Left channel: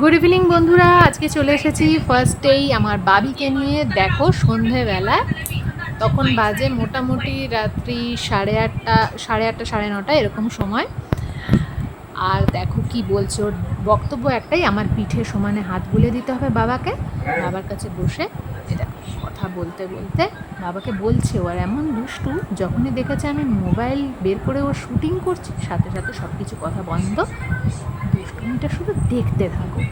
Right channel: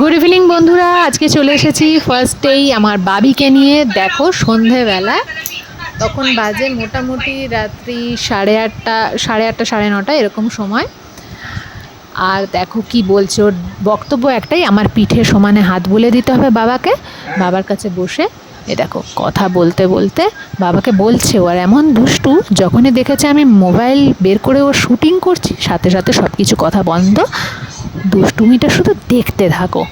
Good evening বন্ধুরা, আজকে চলে এসেছি ফার্স্টেই আমার বাবিকে নিয়ে। দেখো সন্ধেবেলা, তখন বাজে মোটামুটি রাত্রি 8:30, 8:30, 9:30 এরকম সময়। আর দেখো কি বলছে, ওর বক্তব্য একটাই, আমার পিঠে সমানে হাত বুলিয়ে দিতে হবে বাবাকে। বাবার কাছে বসে এ দেখো কথা বলতে বলতে বাবাকে বলছে। ও আর এমন দুষ্টু, যখনই দেখেছে আমি মোবাইল বের করে ও শুটিং করছি, সাথে সাথে সব কিছু কথা বন্ধ, দুষ্টুমিটা শুধু দেখতে থাকো।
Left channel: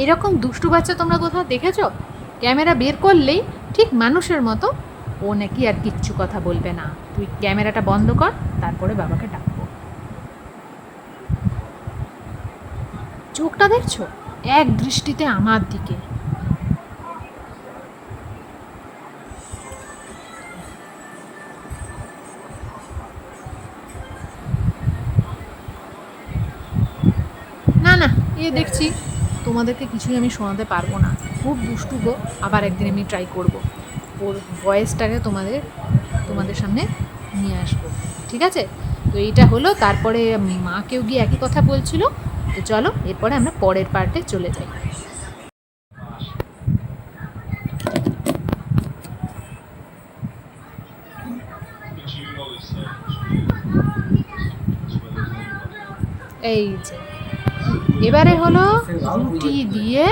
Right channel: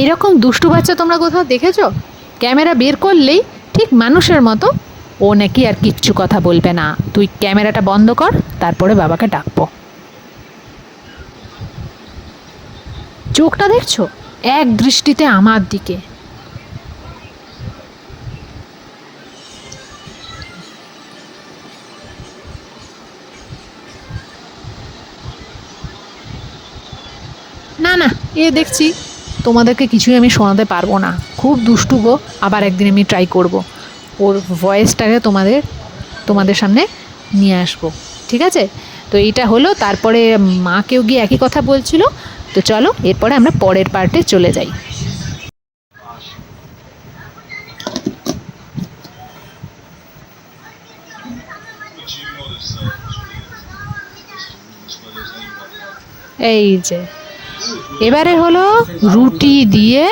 এইরকম দুষ্টু বাচ্চা তোমরা কোথাও দেখেছো? ক্যামেরা বের করলেই ঠিক মানুষের মতো ও নাকি আর কিচ্ছু কথা বলবে না, তুই ক্যামেরাটা বন্ধ কর, তারপরে বাবাকে ডাকবো। চোখটা দেখছো, এক দৃষ্টিতে আমার দিকে। না না, এ দেখছি তোমাদেরকে কিছুই আমি শোনাতে পারবো না, খুব দুষ্টু গো। আবার একদিন আমি ট্রাই করব, ওর ভয়েসটাকে তোমাদের সামনে নিয়ে আসবো, ঠিক আছে? তো এইটা হলো, তারপরে মাকেও গিয়ে একই কথা বলছিল। তো চলো এরপরে আমরা পরের পার্টে চলে যাই। এই যে এবারে হলো রুটি দিয়ে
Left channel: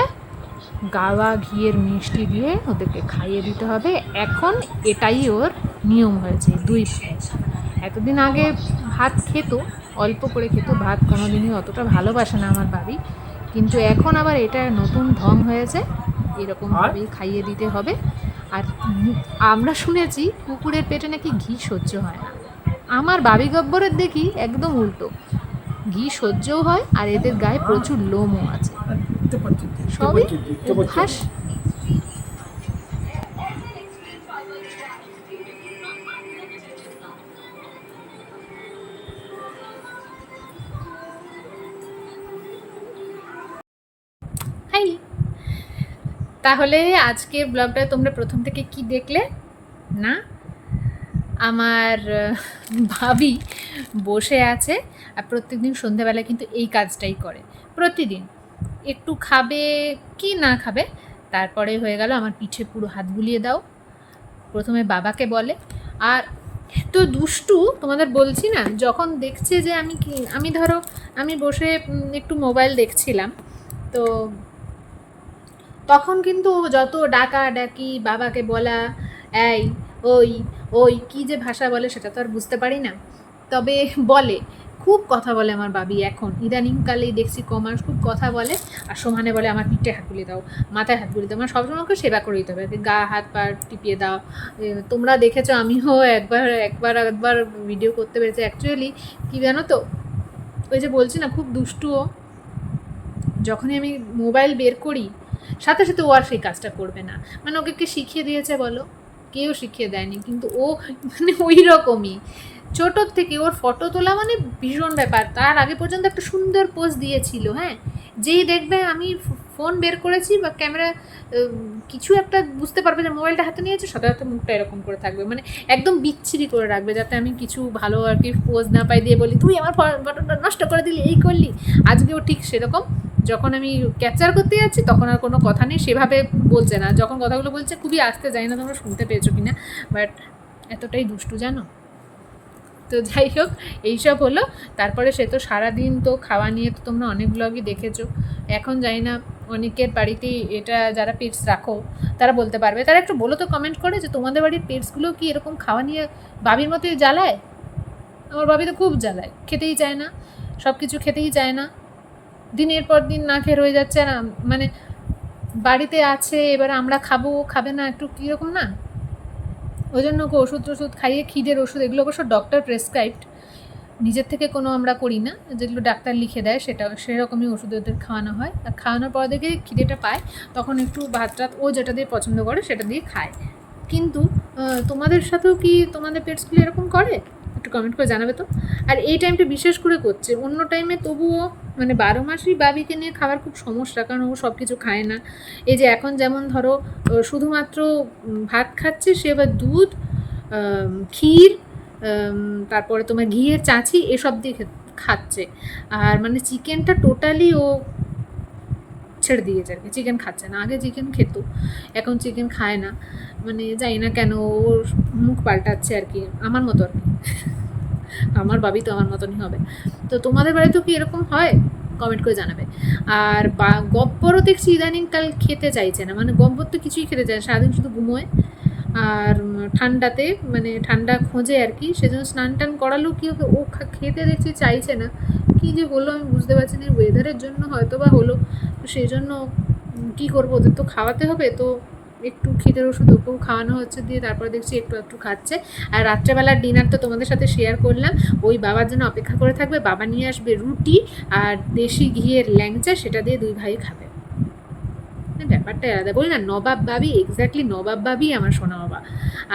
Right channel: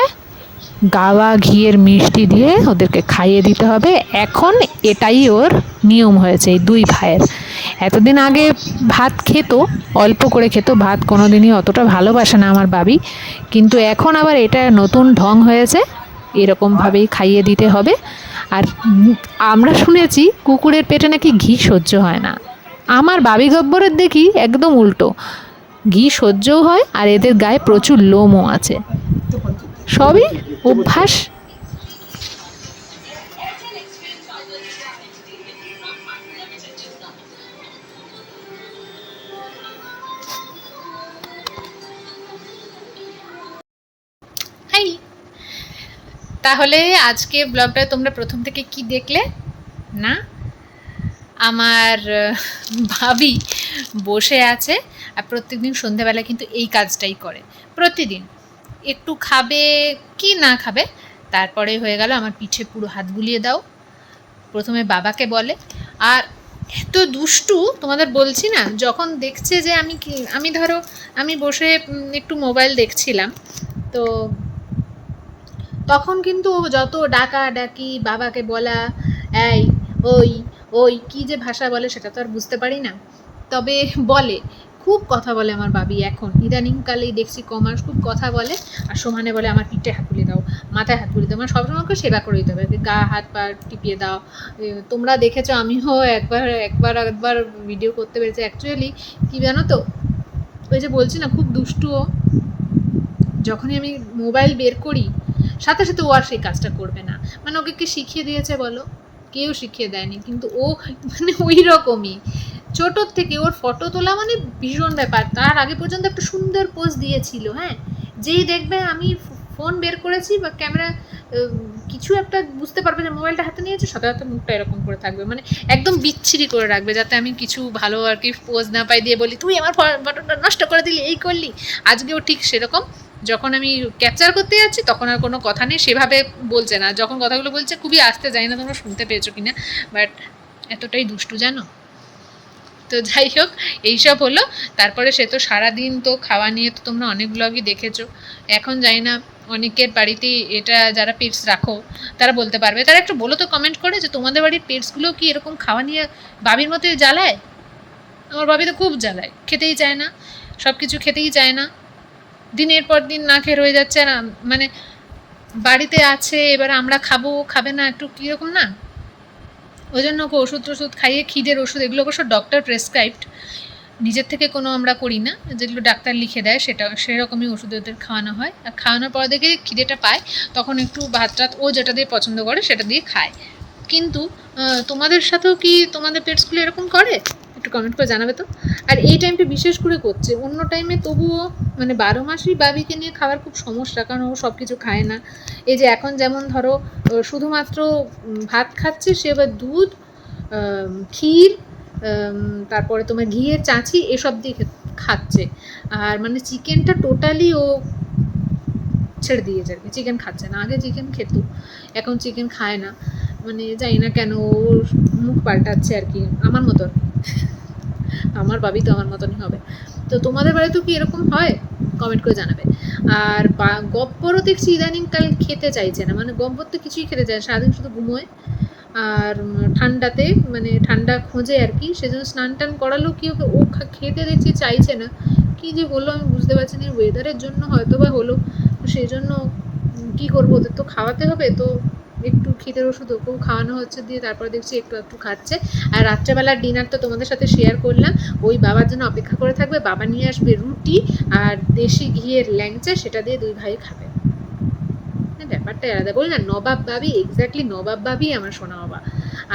গাওয়া ঘিয়ের মিষ্টি দিয়ে ওদেরকে খাইয়ে দিতে হবে। এখন এটাই ওর নিয়ম হয়েছে এই দুই ভাইয়ের। এতদিন আগে ভাত খেত, অল্প করে খেত, ভাত কোনো দিনই অতটা ভালোবাসে না আমার বাবি, কিন্তু এখন আবার এটা নতুন ঢং হয়েছে, এরকমভাবেই খাইয়ে দিতে হবে। আর আমরা শুনেছি কুকুরের পেটে নাকি ঘি সহ্য হয় না, আমার বাবি গব্বরের দেখি একদম উল্টো, ঘি সহ্যও হয় আর এদের গায়ে প্রচুর লোমও আছে, সবই অভ্যাস। হাই, তাহলে আজকে ব্লগটা তোমরা প্রথম থেকে কি দেখলে না? আমার ভাবি বসে আছে আর প্রত্যেকদিন সন্ধেবেলা কিন্তু এই কাজটাই করে, প্রতিদিন একটু খাবে কি না খাবে, তারপরে হয়ে গেল আমার পিঠে পুরো হাত বুলিয়ে দাও, প্রথমে বাবাকে বলে। আর এত দুষ্টু, তোমাদের বলছি না, যখন দেখছে যে আমি ধরো আমি বসে একটু মোবাইল দেখছিলাম, তো তখন কিন্তু যত ডাকাডাকি, বাবাকে বলা, এই ওই ওই কী যে ভাষা বলে সেটা তো আর বুঝতে পারি না, তবে বলে, খুব কথা বলে আমার বাবি। এখন ইদানিংকালেই দেখছি কমার্স খুব কথা বলে, আর সমানে বলে আমার পিঠে হাত বুলিয়ে দাও, মাথায় হাত বুলিয়ে দাও, মানে সবসময় আমাকে সেবা করে দিতে হবে, গা হাত পা টিপিয়ে দাও। তোমরা দেখেছো, আমিও একবার একবার একবার ভিডিও করতে পেরেছি। অ্যাকচুয়ালি কী জানো তো, ওই যে বলছি না খুব দুষ্টুও, যখনই আমি মোবাইল বের করি সাথে সাথে ও আর সেই কাজটা করবে না। মানে ওকে কে শিখিয়ে দিয়েছে বলো? কেউ শিখিয়ে দেয়নি, কিন্তু ও মানে ওই রকমই ছোটোর থেকে। ওর ফটো তোলা মানে ভীষণ ব্যাপার, তার আগে পর্যন্ত একটা সুন্দর পোজ দিয়েছিল। হ্যাঁ, যেই দেখবে আমি ফোন বের করেছি বা ক্যামেরা কিছু একটা বুঝতে পারবে যে মোবাইলটা হাতে নিয়েছে, সাথে সাথে মুখটা এরকম করে থাকবে, মানে একদম বিচ্ছিরি করে রাখবে, যাতে আমি কিছু ভালো আর কি পোজ না পাই, দিয়ে বলি তুই আমার ফটোটা নষ্ট করে দিলি, এই করলি। আজকেও ঠিক সেরকম, যখন আমি ক্যাপচার করতে যাচ্ছি তখন আর কোনো কথা নেই, সেভাবে বলছে না, যখন কথাগুলো বলছে খুবই আস্তে, জানি না তোমরা শুনতে পেয়েছো কিনা, বাট এতটাই দুষ্টু জানো। তো তো যাই হোক, এইসব হলো। তারপরে সে তো সারাদিন তো খাওয়া নিয়ে তো তোমরা অনেক ব্লগই দেখেছো। এখন জানি না অনেকের বাড়িতেই এটা যারা পেটস রাখো তারা বলতে পারবে। তারা একটু বলো তো কমেন্ট করে যে তোমাদের বাড়ির পেটসগুলো কি এরকম খাওয়া নিয়ে বাবির মতো জ্বালায়? আমার বাবি তো খুব জ্বালায়, খেতেই চায় না, সব কিছু খেতেই চায় না, দিনের পর দিন না খেয়ে রয়ে যাচ্ছে। না মানে বাড়িতে আছে, এবার আমরা খাবো, খাবে না, একটু কীরকম না। ওই জন্য ওকে ওষুধ টষুধ খাইয়ে, খিদের ওষুধ, এগুলো অবশ্য ডক্টর প্রেসক্রাইবড, নিজের থেকে কোনো আমরা করি না, যেগুলো ডাক্তার লিখে দেয় সেটা সেরকমই ওষুধ ওদের খাওয়ানো হয়। আর খাওয়ানোর পর দেখে খিদেটা পায়, তখন একটু ভাত টাত ও যেটা দিয়ে পছন্দ করে সেটা দিয়ে খায়। কিন্তু তোমাদের সাথেও কি তোমাদের পেটসগুলো এরকম করে? একটু কমেন্ট করে জানাবে তো। আর এই টাইমটা বিশেষ করে করছে, অন্য টাইমে তবুও মানে 12 মাসই বাবিকে নিয়ে খাওয়ার খুব সমস্যা, কারণ ও সব কিছু খায় না। এই যে এখন যেমন ধরো শুধুমাত্র ভাত খাচ্ছে, সে এবার দুধ, ক্ষীর, তারপরে তোমার ঘিয়ের চাঁচি এসব দিয়ে খাচ্ছে। আর মানে চিকেনটা টোটালি ও ছেড়ে দিয়েছে আর কি, চিকেন খাচ্ছে না। আগে চিকেন খেত, এখন চিকেন খায় না। মানে জানি না কেন ওর মুখ পাল্টাচ্ছে আর কি, আমার মতো। আমার বাবি তো আমার মতনই হবে। তো তোমাদের বাড়িতেও কি এরকম হয়? কমেন্ট করে জানাবে। আর গব্বরও দেখছি ইদানিংকাল খেতে চাইছে না, মানে গব্বর তো কিছুই খেতে চায়, সারাদিন শুধু ঘুমোয়। আর ঠান্ডাতে মানে ঠান্ডা খোঁজে আর কি, সেজন্য স্নান টান করালেও কি ওকে ও খেতে দেখছি চাইছে না। কী যে হলো আমি বুঝতে পারছি না, ওয়েদারের জন্য হয়তো বা হলো। তো সেই জন্য কী করবো, ওদের তো খাওয়াতে হবে, তো একটু খিদের ওষুধ ওকেও খাওয়ানো হচ্ছে, দিয়ে তারপরে দেখছি একটু একটু খাচ্ছে। আর রাত্রেবেলার ডিনার তো তোমাদের সাথে শেয়ার করলাম, ওই বাবার জন্য অপেক্ষা করে থাকবে, বাবা নিয়ে আসবে রুটি আর দেশি ঘিয়ের ল্যাংচা, সেটা দিয়ে দুই ভাই খাবে। ব্যাপারটা আলাদা, বলি না, নবাব বাবি, এক্স্যাক্টলি নবাব বাবি আমার সোনা বাবা।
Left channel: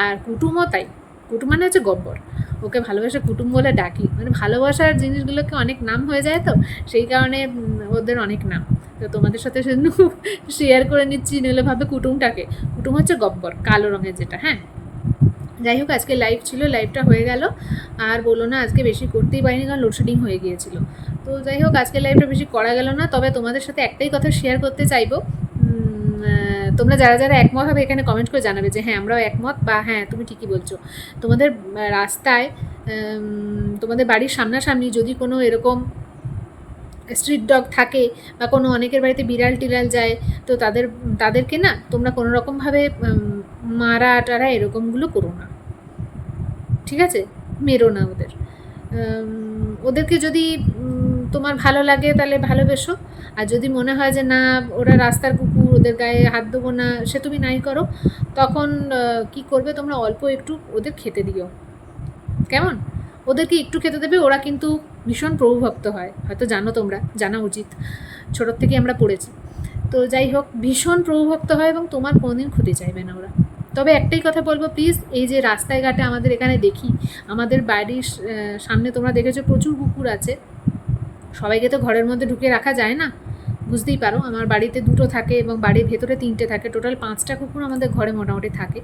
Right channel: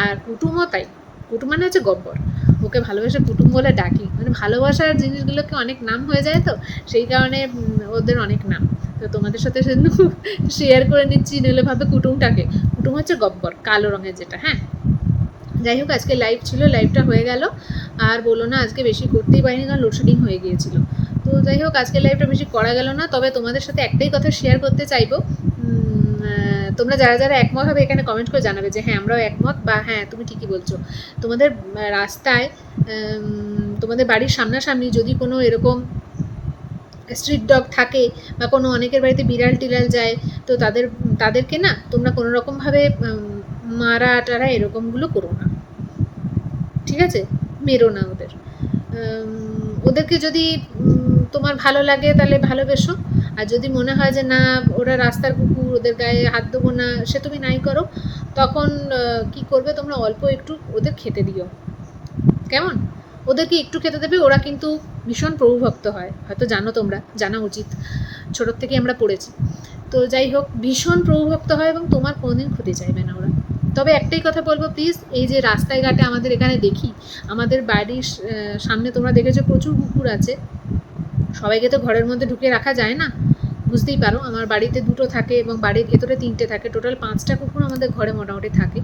আর কুটুমও তাই, কুটুম মানে হচ্ছে গব্বর, ওকে ভালোবাসে কুটুম বলে ডাকি। মানে ভালোবাসার জিনিসগুলোকে অনেক নাম হয়ে যায়, তো সেই কারণে ওদের অনেক নাম। তো তোমাদের সাথে সেজন্য শেয়ার করে নিচ্ছি, নইলে ভাবে কুটুমটাকে। কুটুম হচ্ছে গব্বর, কালো রঙের যেটা। হ্যাঁ, যাই হোক, আজকে লাইভ ছিল, লাইভটা হয়ে গেল। আর বলো না, আজকে বেশি করতেই পারিনি, কারণ লোডশেডিং হয়ে গিয়েছিল। তো যাই হোক, আজকে লাইভটা বেশি করা গেল না। তবে তোমাদের সাথে একটাই কথা শেয়ার করতে চাইবো, তোমরা যারা যারা একমত হবে এখানে কমেন্ট করে জানাবে যে হ্যাঁ আমরাও একমত, বা হ্যাঁ তুমি ঠিকই বলছো। তোমাদের রাস্তায়, তোমাদের বাড়ির সামনাসামনি যদি কোনো এরকম স্ট্রিট ডগ থাকে, বা কোনো অনেকের বাড়িতে বিড়াল টিড়াল যায়, তো তাদেরকে না তোমরা কোনো রকমভাবে মারা টারা এরকমগুলো করো না, ঠিক আছে? মেরো না ওদের। ওদেরকে যদি তোমার ভালো লাগে তাহলে ভালোবেসো, আর যদি মনে হয় যে না ওরা রাস্তার কুকুর, ওদের গায়ে হাত দেবো না, সে তুমি নাই করো। তখন কি করবে, তোমরা অল্প একটু ওদের খেতে দিও, কেমন? ওদেরকে একটু খেতে দেবে, ওরা কিন্তু ভীষণ প্রভুভক্ত হয়, হয়তো জানো, তোমরা জানা উচিত, ছোটোর থেকে আমরা পড়েছি। তো যাই হোক, ভীষণ প্রভুভক্ত হয় এবং তোমার কোনোদিন ক্ষতি চাইবে না ওরা। তবে একটাই কথা বলবো, প্লিজ, এই যে রাস্তায় ঘাটে আমাদের এখানে দেখি, আমাদের বাড়ির সামনে তোমরা দেখেছো প্রচুর কুকুর আছে, সবাইকে তো ঘরের মধ্যে ঢুকে রাখা যায় না, বুঝতেই পারো। আমার বাড়িতে 2টো থাকে এবং বাড়ির ভেতরে 3টে থাকে, টোটাল 5টা কুকুর আমাদের ঘরে মোটামুটি থাকে,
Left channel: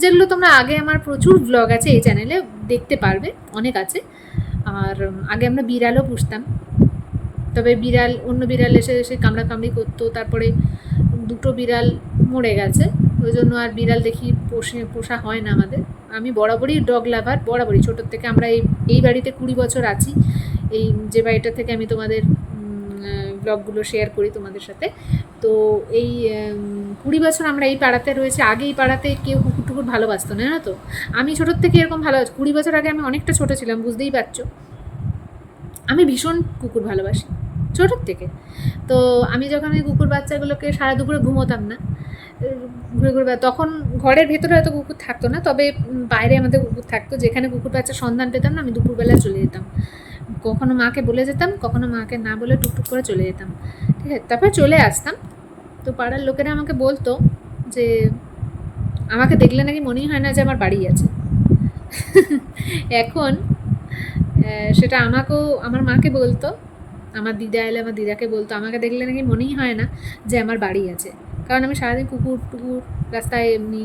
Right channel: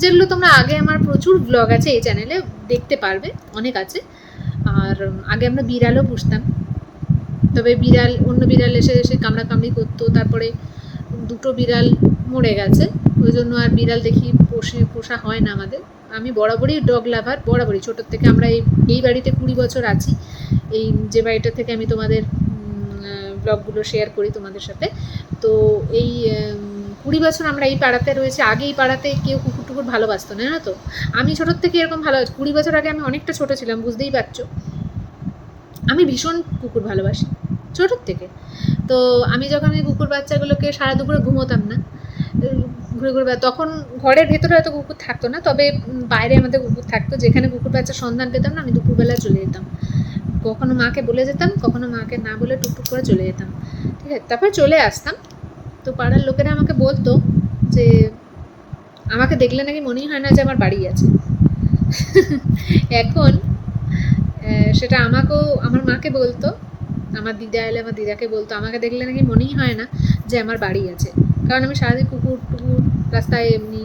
যেগুলো তোমরা আগে আমার প্রচুর ব্লগ আছে এই চ্যানেলে, দেখতে পারবে, অনেক আছে। আর আগে আমরা বিড়ালও পুষতাম, তবে বিড়াল, অন্য বিড়াল এসে এসে কামড়াকামড়ি করতো, তারপরে 2টো বিড়াল মরে গেছে, ওই জন্য আর বিড়াল দেখি পোষা হয় না আমাদের। আমি বরাবরই ডগ লাভার, বরাবরই, ছোটোর থেকে আমরা এই বাড়িতে 20 বছর আছি, এই যে বাড়িটা থেকে আমি তোমাদের ব্লগগুলো শেয়ার করি তোমাদের সাথে। তো এই 20 বছর আমরা এই পাড়াতে রয়েছে। আগে এই পাড়াতে কেউ কুকুর টুকুর ভালোবাসতো না, তো আমি ছোটোর থেকে এরকম ভালো, 20 বছর আগে আমি অনেকটা ছোটো ছিলাম, বুঝতেই পারছো। আমি ভীষণ কুকুর ভালোবাসি ছোটোর থেকে। তো আমি যখন এই কুকুর বাচ্চাগুলোকে সারা দুপুরে ঘুমোতাম না, ঘুরে ঘুরে, তখন ঘরের ভেতরে হয়তো কুকুর থাকতো না, তবে বাইরে আমাদের কুকুর থাকতো, যেখানে কুকুর বাচ্চার সন্ধান পেতাম না, আমি দুপুরবেলা চলে যেতাম, কখনো মাকে বলে যেতাম, কখনো মাকে না বলে টুকটুক করে চলে যেতাম, ঠিক আছে? তারপর চলে আসতাম। তো পাড়ার লোকেরা আমাকে বলতো যে আমাকে দেখলে নাকি মনেই হয় না যে আমার বাড়ি আছে। এখন সেটা আমাকেও, আমার মাকে বলতো, আমার দিদা এলে আমার দিদাকে বলতো, আমাকে দেখলে নাকি মনেই হয় না যে আমার বাড়ি আছে, কারণ আমি সারাদিন কুকুর টুকুর রাস্তায় এমনি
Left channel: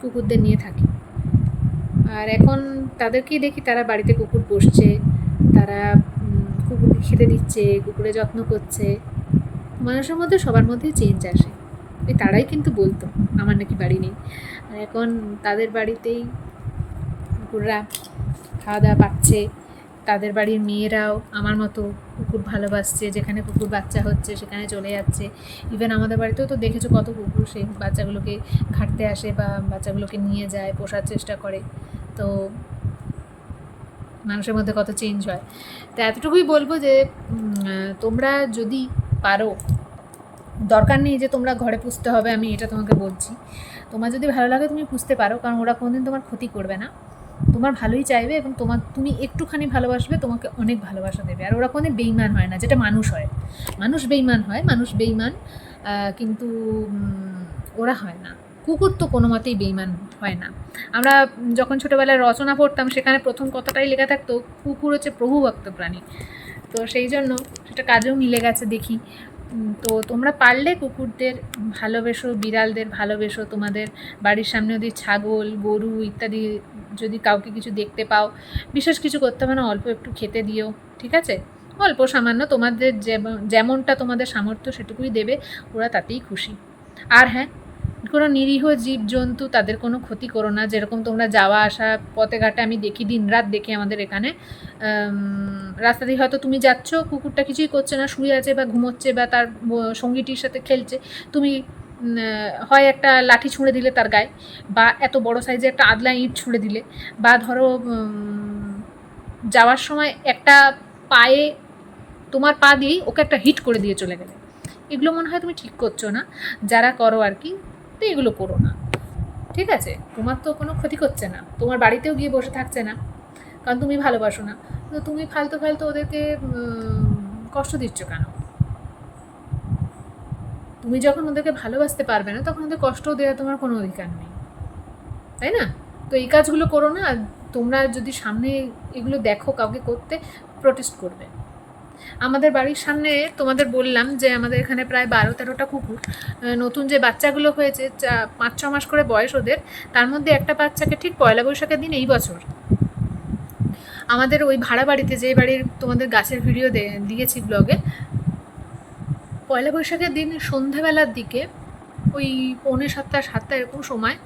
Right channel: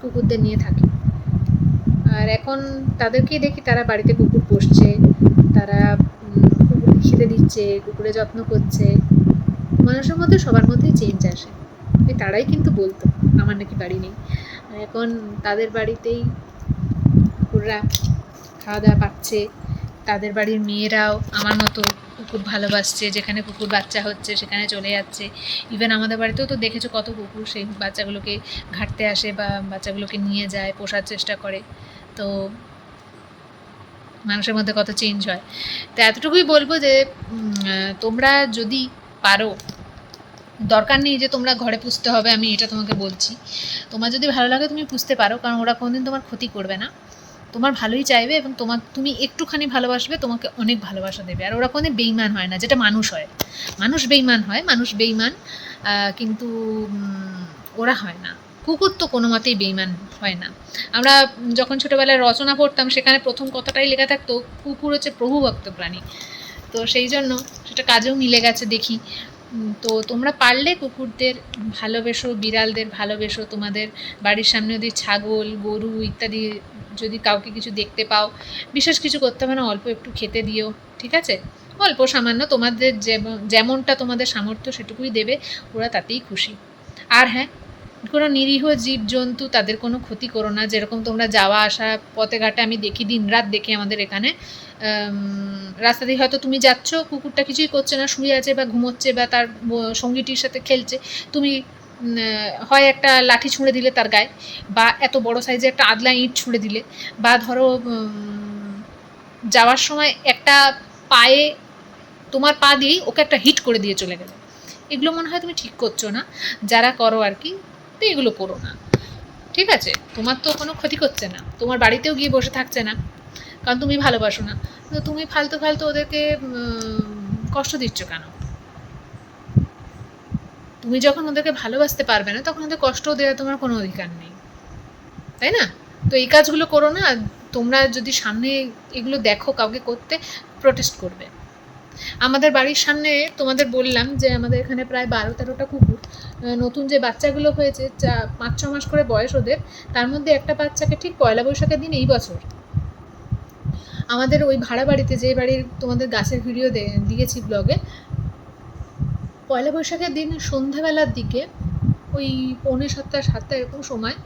কুকুরদের নিয়ে থাকি। আর এখন তাদেরকেই দেখি, তারা বাড়িতে কুকুর পুষছে, তারা কুকুরকে খেতে দিচ্ছে, কুকুরের যত্ন করছে। মানুষের মধ্যে সবার মধ্যেই চেঞ্জ আসে, তারাই কিন্তু বলতো আমার নাকি বাড়ি নেই। আর এখন তাদের বাড়িতেই কুকুররা খাওয়া দাওয়া পাচ্ছে, তাদের বাড়ির মেয়েরাও আমার মতো কুকুর ভালোবাসছে, যেখানে কুকুর বাচ্চা হচ্ছে সেখানে চলে যাচ্ছে। ইভেন আমাদের বাড়িতেও তো দেখেছো কত কুকুর সেই বাচ্চাগুলোকে ঘাঁটতে আসে বা বাচ্চাগুলোকে নিয়ে যায়, পোষার চেষ্টা করে। তো মানুষের মধ্যে কত চেঞ্জ হয়। তো এতটুকুই বলবো যে তোমরা যদি পারো, দরকার নেই যে তোমরা ঘরে পুষতে হবে, আমি এটা তোমাকে বলছি। তোমার যদি ভালো লাগে তুমি পুষতে পারো, কারণ ওরা কোনোদিন তোমার ক্ষতি করবে না, তোমার ভালোই চাইবে এবং তুমি একটুখানি ভালোবাসবে তোমাকে অনেক ভালোবাসা দেবে। আর ওরা কোনোদিন বেইমান হয় না, যেটা মানুষ হয়। মানুষ বেইমান হয়, মানুষ বেইমান, কিন্তু ওরা হয় না। কুকুর তো কোনো মতেই বেইমান হয় না। আমরা যখন ছোটোবেলায় রচনা পড়তাম সেখানে প্রথম কথাটাই লেখা থাকতো কুকুর হচ্ছে প্রভুভক্ত প্রাণী। তো সেই জন্য সেটা কাজেও মিলে গেছে দেখি। তো তোমরা পারলে কুকুরদের ভালোবেসো, বিড়ালদের ভালোবেসো। তোমাদের বাড়ির সামনে যদি ছাগল, গরু ইত্যাদি যদি কাউকে কিছু দেখতে পাও, বিশেষ কিছু করতে হবে না, অল্প একটু খেতে দিও, ঠিক আছে? অল্প সামান্য, তোমাদের যেমনটা তোমাদের সামর্থ্য সেটুকুই দেবে, ওরা তাতেই খুশি। আর হ্যাঁ, কোনো নিরীহ জীবজন্তু তাদের কোনো ক্ষতি করো না। যেরকম তোমরা যাওয়া আসা পথে ঘাটে আমি দেখি, দিনরাত দেখি আমাদের এখানে রাস্তা দিয়ে হয়তো তুমি যাচ্ছ, কুকুরটা কিছুই করছে না, শুয়ে আছে বা ঘুমোচ্ছে বা তার সঙ্গীটির সাথে খেলছে, তুমি হয় একটা লাঠি ছুঁড়ে দিলে তার গায়ে, বা এত বড় সাইজে একটা আদলা ইঁট ছুঁড়ে দিলে, বা ধরো যাওয়ার সময় একটা পায়ে, তোমার পা দিয়েই ওকে একটা হিট করে দিয়ে চলে গেলে। এগুলো মনে হয় তুমি ঠিক করছো না, যারা করো আর কি। তো এগুলো করো না, ঠিক আছে? তোমার তো কোনো ক্ষতি করছে না, তোমার বাড়িতেও গিয়ে বসে থাকছে না, কারণ তুমি ভালোবাসো না। তো তুমি ফালতু ফালতু ওদেরকে কষ্ট দিচ্ছ কেন? তুমি যখন ওদেরকে ভালোবাসতে পারবে না তখন ওদের কষ্টও দেওয়ার তোমার কোনো অধিকার নেই, তাই না? তো এই কাজগুলো করো না। তোমরা যদি সামনে এগুলো দেখো কাউকে করতে, প্রোটেস্ট করবে। আমাদের বাড়ির সামনে তোমাদের বললাম যে আমাদের এখানে প্রায় 12-13টা কুকুর, নতুন যে বাচ্চাগুলো হয়েছে 5-6 মাস করে বয়স ওদের, তার মধ্যে একটা বাচ্চাকে ঠিক পয়লা বৈশাখের দিন এই বছর আমাদের ওই ভাড়া বাড়িতে, যে বাড়ির তোমাদের গাছের ভিডিও দিয়েছি ব্লগে, পয়লা বৈশাখের দিন সন্ধ্যাবেলার দিকে ওই 6:45-7টা এরকম সময়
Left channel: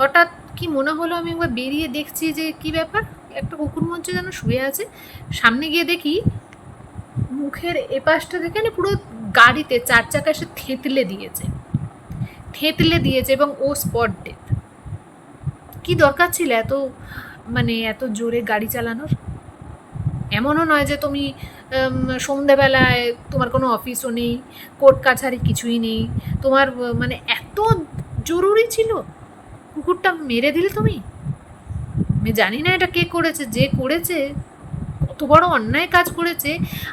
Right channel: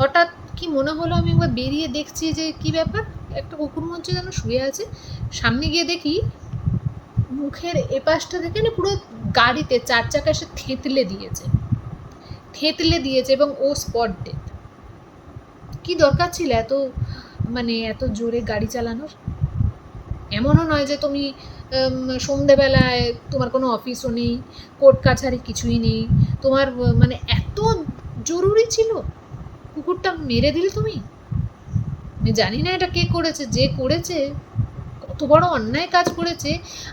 হঠাৎ কি মনে হলো, আমি একবার বেরিয়ে দেখছি যে কি ব্যাপার, একটা কুকুর মঞ্চ যেন শুয়ে আছে। সামনে গিয়ে দেখি মুখের এপাশটা থেকে না পুরো গাড়িতে 4 চাকা এসে থেঁতলে দিয়েছে এবং ও স্পট ডেথ। কি দরকার ছিল এত এত জোরে গাড়ি চালানোর? এমনও নয় যে তুমি সন্ধেবেলায় তোমার কোনো অফিসও নেই, কোর্ট কাছারি কিছুই নেই, তোমার এত জরুরি ছিল কুকুরটা মেরে দিলে তুমি? আমি জানি না এটা কে করেছে, যে করেছে কত বড় অন্যায় কাজ করেছে।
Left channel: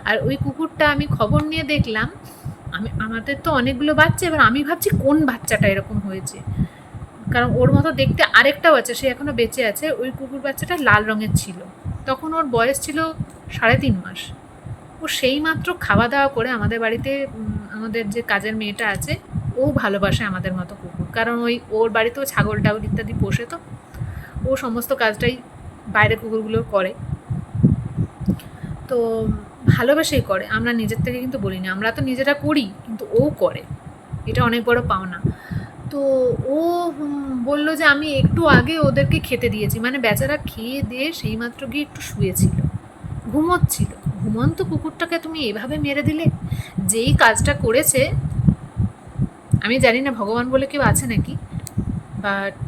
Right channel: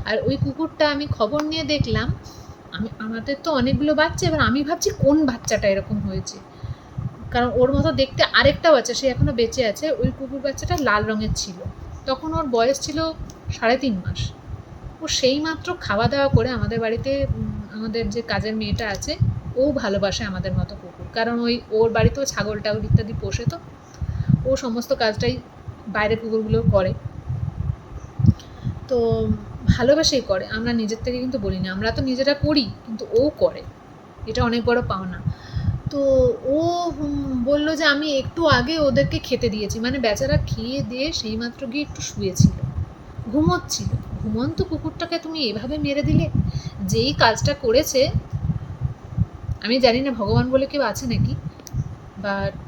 আর ওই কুকুরটা আমি খবর নিয়ে দেখলাম, আমাদের তো অনেকগুলো বাচ্চা, এবার আমি ভাবছি কোন বাচ্চাটা এরকম হয়েছে, কারণ ওর মতো দেখতে আরেকটা বাচ্চা, সে এখনও বেঁচে আছে, ওই কুকুর বাচ্চাটা লাল রঙের ছিল, তখন ওর বয়স ছিল 3.5 মাস। ও সেই মাত্র খাওয়া দাওয়া করে আমাদের বাড়িতে, আমাদের যে কাজের মেয়েটা আছে ও ভালোবাসে আমাদের মতো কুকুর, কারণ ওর বাড়িতেও ছাগল টাগল ইত্যাদি পোষে, তো ও সমস্ত কাজটাই বাইরে কুকুরগুলো করে, তো ভালোবেসেই করে। আমরা নিজের থেকে কিন্তু বলি না, আমরা তো নিজেরা করি, কিন্তু ও করে, এটা অনেক বড় পাওনা। তো ও বললো যে আমি একটু আগে ওদেরকে খেতে দিয়েছি, বেচারা খেয়ে দিয়ে সেই মাত্র গিয়ে একটু শুয়েছিল, ঘুমোচ্ছিল। ঘুমন্ত কুকুরটাকে তুমি এভাবে মেরে দিলে? যেই কাজটা করেছে, আমি জানি না ভগবান বলে কেউ আছে নাকি, বাট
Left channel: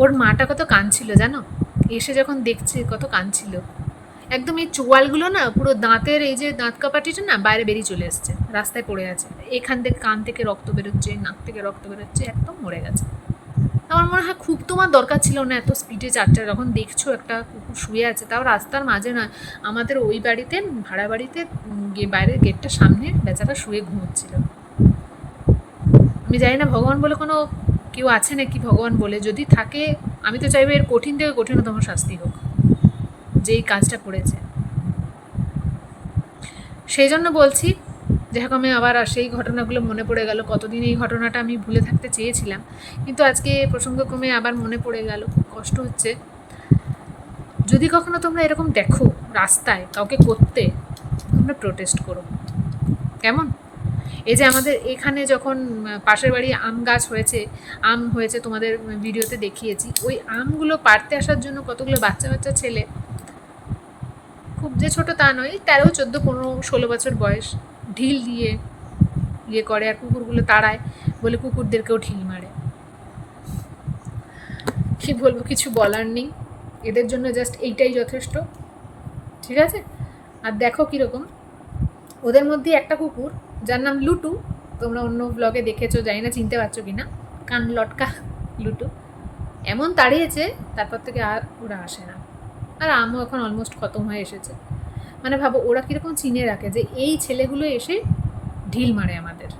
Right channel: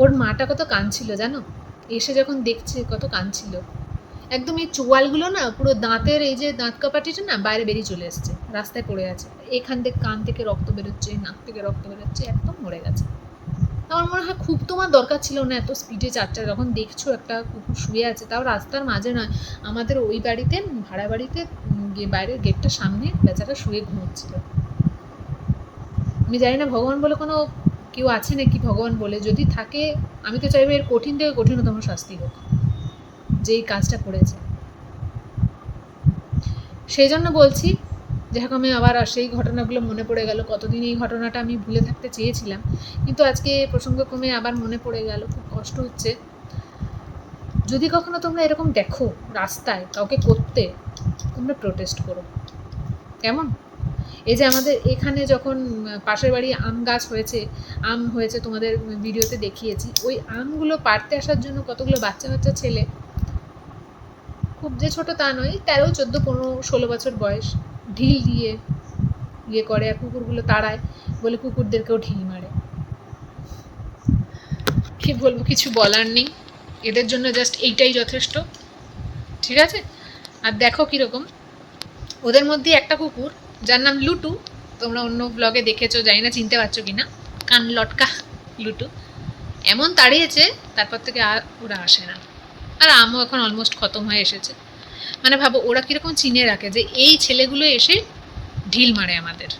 ওর মাটা কত কাঁদছিল জানো, এসে যখন দেখছে কত কাঁদছিল। একদম এই চোয়ালগুলো না পুরো দাঁতের, এই যে দাঁত কাপাটিটা না বাইরে বেরিয়ে চলে এসছে, রাস্তায় পড়ে আছে, এখান থেকে কান থেকে রক্ত বেরোচ্ছে, নাক থেকে রক্ত বেরোচ্ছে, একদম মরে গেছে। আমার মনে হয় খুব তোমার দরকার ছিল না এত স্পিডে চারটা, যখন দেখছো একটা কুকুর শুয়ে আছে, তাও রাস্তার মাঝে নয়, আমাদের ওই বাড়িতে, ভাড়া বাড়িতে বাইরের গেটটার সামনে বেচারা শুয়ে ঘুমোচ্ছিল। আমি জানি না ভগবান বলে কোনো কেউ আছে নাকি, ভগবান বলে যদি থাকে আমি তো চাইবো এর কঠিন থেকে কঠিনতম শাস্তি হোক যেই কাজটা করেছে। সেই জন্য বলছি, যাই আমি আবার সেই ঘটনাগুলো মনে পড়ে গেল, কতদিন এই ঘটনাটা আমি ভুলে থাকতে চেয়েছিলাম, কিন্তু আজকে প্রসঙ্গক্রমে আবার মনে পড়ে গেল, খুব কষ্ট হচ্ছে। যদি কখনো তোমরা এরকম দেখো রাস্তায় কাউকে করতে, তোমরা প্রোটেস্ট করো, কেমন? এই যে আমাদের এখানে যখন পাশের বাড়ি আম গাছ হয়েছে, আম হয়েছে, তোমাদের ভিডিওতে দেখিয়েছি, ওই আমগুলো পাড়তে আসার জন্য কতগুলো বাচ্চা বাচ্চা ছেলে, খুব যে ছোট তা নয়, 13, 14, 15, 16 বছর বয়স, ঢিল দিয়ে ইয়ে করে, আর কুকুরগুলো তাড়ায় বলে কুকুরদেরকেও ঢিল মারে। কি বলবো, কিছু বলার নেই, এদের জন্য জাস্ট এইটাই যথেষ্ট, ঠিক আছে। আর দেখো কীরকম, ওদের মধ্যে একটা কুকুর যার নাম লুটু, তোমরা অন্য ব্লগে দেখেছো, জানি না চিনতে পারছো কি না, কান লটকা লুটু, এমন তাড়িয়েছে তারপর থেকে আর ওরা আসে না। আর আমও এখন অলমোস্ট খতম হয়ে এসেছে। মানে ভাবো ওরা কীরকম চিনে রাখে যে এই ছেলেগুলো এসে ঢিল মারে আমাদের,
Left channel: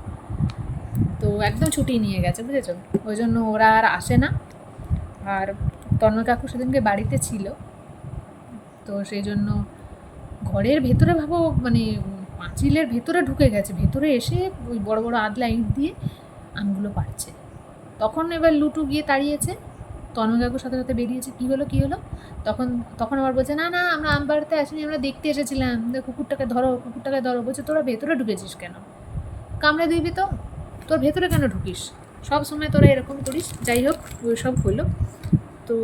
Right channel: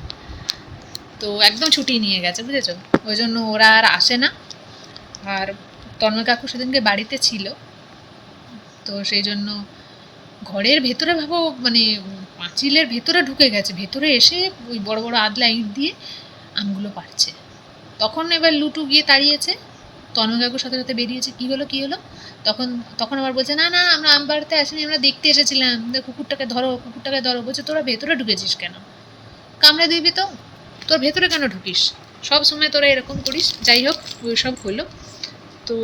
তো একদম ছুটি নিয়ে গেছে, বুঝেছো, ওই জন্য ওরা আর আসে না। আর তন্ময় কাকু সেদিনকে বাড়িতে ছিল, তো সেই জন্য ঘরের ভেতরে ভাবো মানে পাঁচিলের ভেতরে ঢুকে গেছে, ভেতরে এসে ওই বড় বড় আদলা ইট দিয়ে আমগুলো পাড়ছে। তখন এবার লুটু গিয়ে তাড়িয়েছে, তন্ময় কাকুর সাথে সাথে বেরিয়েছে, কী হলো কী হলো, তখন আবার বলছে না না আমরা আম পাড়তে আসিনি, আমরা দেখতে এসেছিলাম, কুকুরটাকে ধরো কুকুরটাকে ধরো। বলছে তোরা ভেতরে ঢুকেছিস কেন, কামড়ে দিবি তো, তোর ভেতরে কেন ঢুকিস, সব সময় তোরা এরকম করিস। যাই হোক ওই সব হলো। তো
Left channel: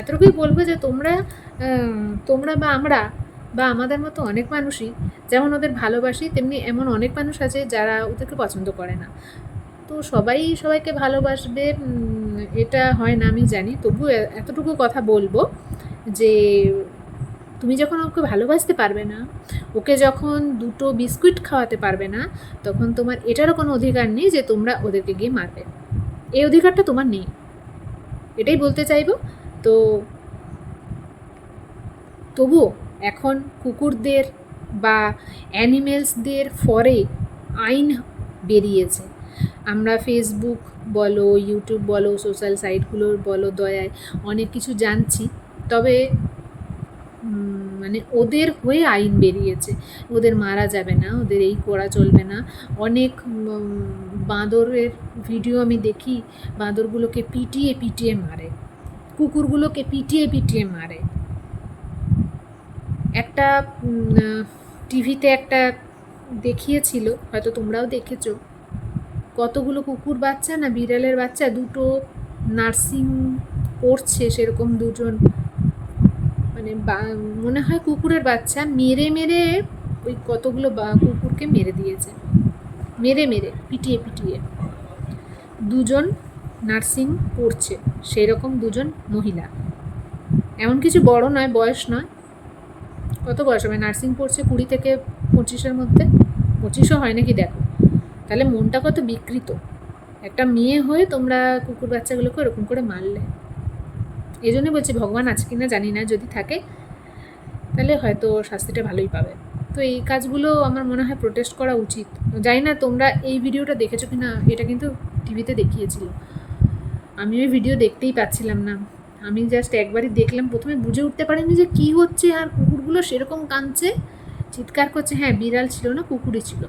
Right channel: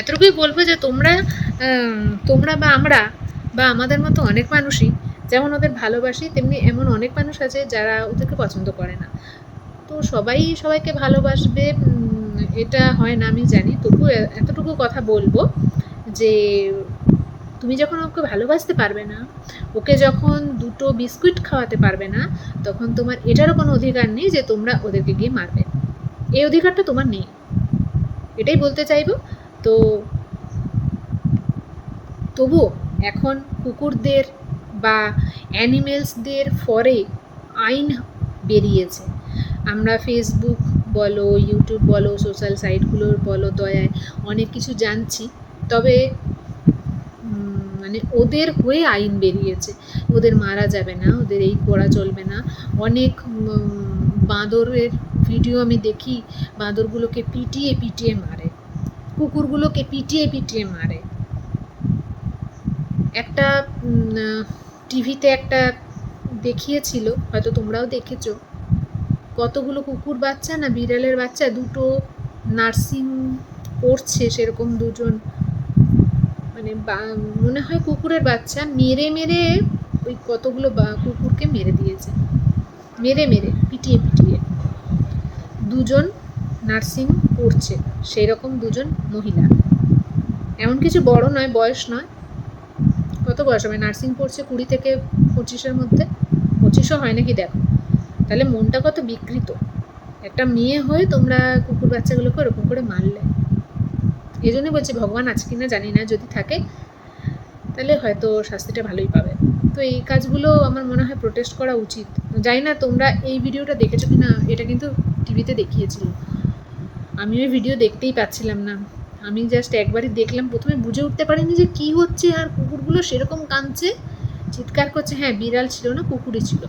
এতটুকুই বলবো যে তোমরা বা আমরা বা আমাদের মতো অনেক মানুষই যেমন ওদের ভালোবাসি, তেমনি এমন অনেক মানুষ আছে যারা ওদেরকে পছন্দ করে না। তো সবাই সবাইকে ভালোবাসবে এটা হয় না আমি জানি, তবু এতটুকু কথা বলবো যে তুমি যখন ওকে ভালোবাসতে পারবে না, ওকে যখন 2টো বিস্কুট খাওয়াতে পারবে না, তখন তোমার এটারও কোনো অধিকার নেই যে তোমরা ওদেরকে গিয়ে মারবে। এই অধিকারটা তোমার নেই, এটাই বলতে চাইবো। তো তবুও এখন কুকুরদের বা অ্যানিমেলসদের ফরে আইন বেরিয়েছে। আমরা ফেসবুক বলো, ইউটিউব বলো, সোশ্যাল সাইটগুলোর বলো দয়ায় অনেক কিছু জানছি, তবে মানে ওদের হয়ে আইন বেরিয়েছে, ওদের মারা যাবে না, ওদের এই করা চলবে না। অনেক বাঁদরের ভিডিও আমি দেখি, বাঁদরগুলোকে পিটিয়ে পিটিয়ে মারে, কুকুরগুলোকে পিটিয়ে পিটিয়ে মারে। একটা টিভিতে একটা দেখিয়েছিল, হয়তো তোমরাও দেখেছো, কতগুলো কুকুর বাচ্চা না বিড়ালের বাচ্চা, 2টো নার্সিং পড়ছে সেরকম 2জন, মানে মনে হয় কুকুরের বাচ্চা মেরে মেরে ওই কতগুলো কুকুরকে মেরে দিয়েছে, মেরে মেরে পিটিয়ে পিটিয়ে। 2জন নার্সিং পড়ছে সেই রকম 2জন মহিলা, এমন কিছু বড় নয়, বয়স নয়, কত বয়স হবে, নার্সিং পড়ছে 20 থেকে 25-এর মধ্যে, 25ও হয় নাকি দেখো, তাহলে মনটা কত বিকৃত। একটা মেয়ে হয়ে তোমরা কুকুর বাচ্চাগুলোকে ওরকম করে মারলে। এই জন্য বলছি ভগবান আছে কিনা জানি না, যদি থাকে তাহলে হয়তো শাস্তিটা ভালোই পাবে। তো এই কাজগুলো আমার মনে হয় প্রোটেস্ট করা উচিত। জানি না তোমরা এই ভিডিওটা দেখেছো কি না, এটা কিন্তু টিভিতে দেখিয়েছিল, আমি ওই ভিডিও দেখতেই পাচ্ছিলাম না, আমি জাস্ট একবারই দেখলাম, প্রথমে বুঝে উঠতে পারিনি যে কী হচ্ছে, আর কুকুরগুলো সেরকম কাঁদছে, চিৎকার করছে, হ্যাঁ বিড়াল ছিল না কুকুরই ছিল।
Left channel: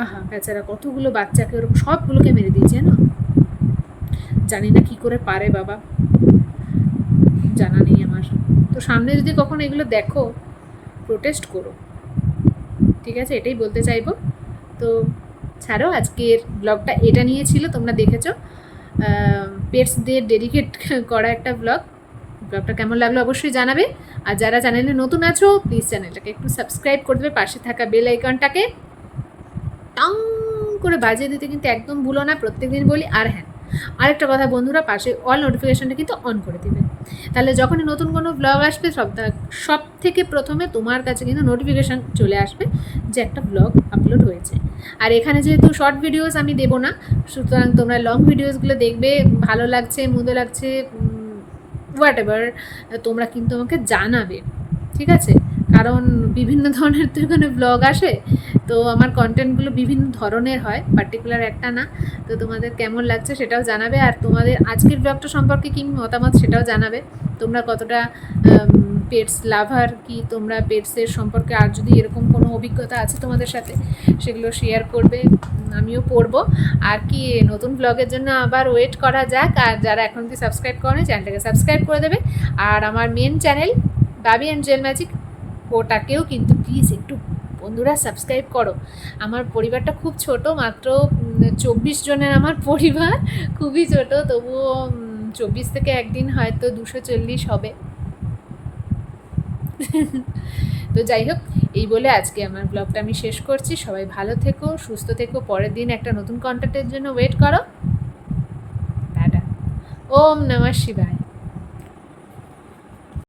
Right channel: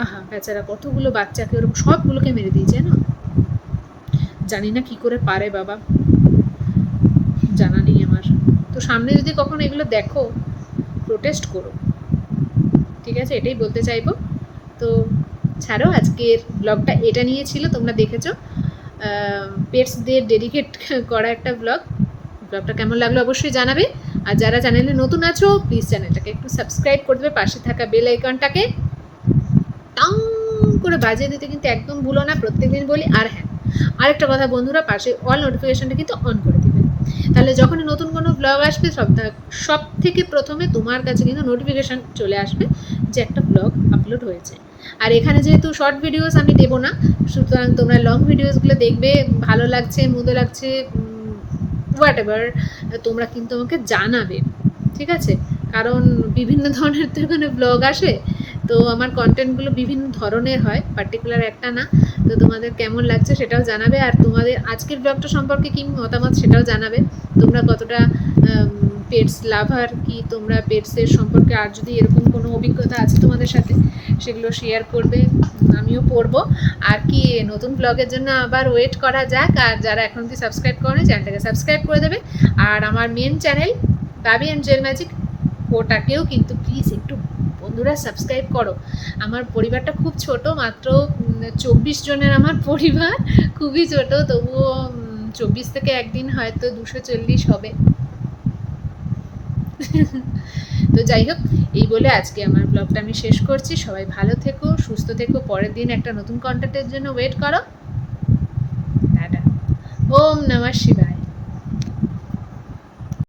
আহা বেচারা কতগুলো বাচ্চাকে ওরকম সবগুলোকে মেরে দিয়েছে না, জানি না কি করে পারে বাবা, জানা নেই আমার। তো সামনে যদি কখনো এগুলো দেখো প্রোটেস্ট করো, ঠিক আছে, এটাই বলতে চাইবো। তো ছাড়ো, আজকের ব্লগটা এটা নিয়ে ছিল, তোমরা দেখেছো পেটসদের ডেডিকেট করা একটা ব্লগটা কেমন লাগলো অবশ্যই জানাবে। আর যারা চ্যানেলে নতুন আছো প্লিজ চ্যানেলটাকে একটু সাবস্ক্রাইব করে দেবে, পাশে থাকা বেল আইকনটাকে টাং করে বাজিয়ে দিতে কিন্তু একদম ভুলো না, প্রত্যেকদিন বলি। আর হ্যাঁ, আরেকটা কথা বন্ধুরা, পাশে অল নোটিফিকেশনটা কিন্তু অন করে দেবে, তাহলে যখনই নতুন কোনো ব্লগ আসবে সব থেকে প্রথমে তোমার কাছে কিন্তু নোটিফিকেশান চলে আসবে যে একটা ব্লগ আপলোড হয়েছে। আর এখানে যেহেতু শর্ট ভিডিওস আমি দেবো না, সুতরাং তোমরা লং ভিডিওসগুলো দেখবে, ভালো লাগছে মন্দ লাগছে হোয়াট এভার তোমরা কিন্তু আমাকে জানাবে, ঠিক আছে, কারণ বিভিন্ন ধরনের তো এখানে ব্লগ আসে, তো আমার কন্টেন্টগুলো বিভিন্ন ধরনের হয়, পার্টিকুলার একটা না। তো তোমাদের কেমন লাগছে সেটাও জানাবে, আর তোমাদের আজকের ব্লগটা সম্পর্কে কী মতামত সেটাও জানাবে, তোমরা কতটা পেটস লাভার, কি তোমরা পেটসের সম্পর্কে আর যদি এরকম কোনো অভিজ্ঞতা আছে তোমাদের সাথে সেগুলো শেয়ার করবে, আমিও পড়বো। আর কি নতুন ব্লগের জন্য আবার ওয়েট করা যাক, আর যারা এখন কি সাবস্ক্রাইব করেনি চ্যানেলটাকে সাবস্ক্রাইব করে দেবে। আর আমার মেন চ্যানেল বাবি অ্যান্ড জেল ম্যাজিক, ওটাকেও কিন্তু প্লিজ একটু বন্ধুরা সাবস্ক্রাইব করো। আমার পরিবারটা খুব ছোট, মাত্র 24 জনের আমার পরিবার, খুবই ছোট, তবুও 24 থেকে একদিন হয়তো 240 হবে। তো যাই হোক, এই বলে আজকে আমার ব্লগটা আমি শেষ করছি। সবাই ভালো থেকো, সুস্থ থেকো, পরের দিন একটা নতুন কন্টেন্টের জন্য ওয়েট করো। টাটা। ওম নমঃ শিবায়।